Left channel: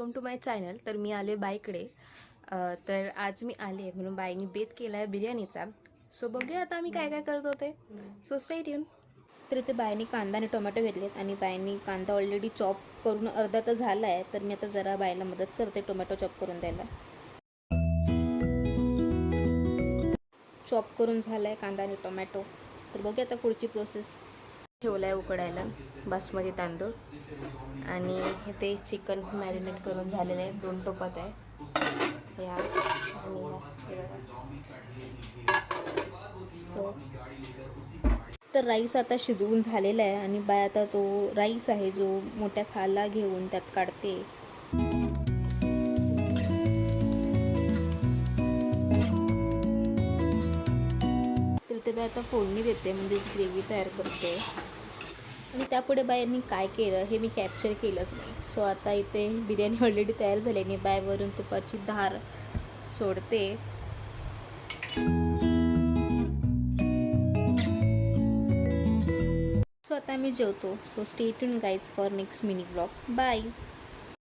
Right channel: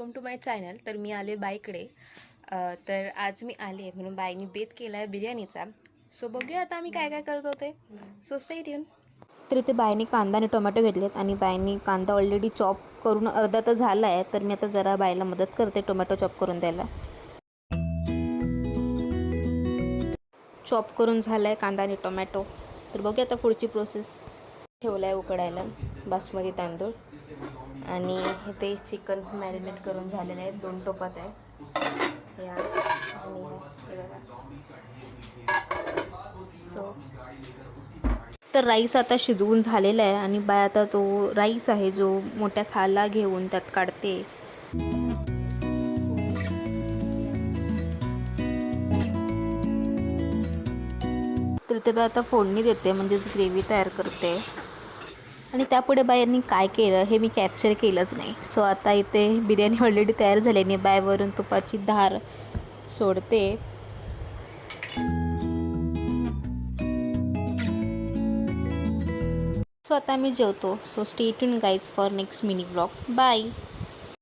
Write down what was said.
Welcome to my channel. तर मी आले बाईकडे. तर आज मी आले आहे म्हणून बाईनी बेत केला आहे बिर्याणीचा. सो बघूया आता आम्ही काय काय करत होते. So stay tune. तर इथे बाईने कांदा आणि टोमॅटो घेतलेत आणि बाईने कांदा ऑलरेडी चॉप करून अर्धा तर झाला आहे. तर मी आता जरा बाईला मदत करते टोमॅटो चॉप करून द्यायला. चॉप करून झाला आहे कांदा आणि टोमॅटो. तर बघूया आता पुढची प्रोसेस. ठेवला आहे उकडायला बासमती तांदूळ आणि इथे चिकन मॅरिनेट करून झालेले आहे. 2 टोपात आहे या आणि हे बघा. सो तर राईस आता शिजवून झालेला आहे आणि बाय आता तो राईस आहे जो मोठ्या थाला घेऊन त्यात काढते. तर ते आता फोडणी देते म्हणजेच ग्रेव्ही तयार करते. आणि त्यापुढे बायांनी काय केलं हे मी कॅप्चर केलंच नाही. सो आता इथे बिर्याणी ऑलरेडी तयार झाल्याने बायवरून तुपाची धार सोडते. सो आता मी जेवतो. So stay tune guys for next mini blog. Bye.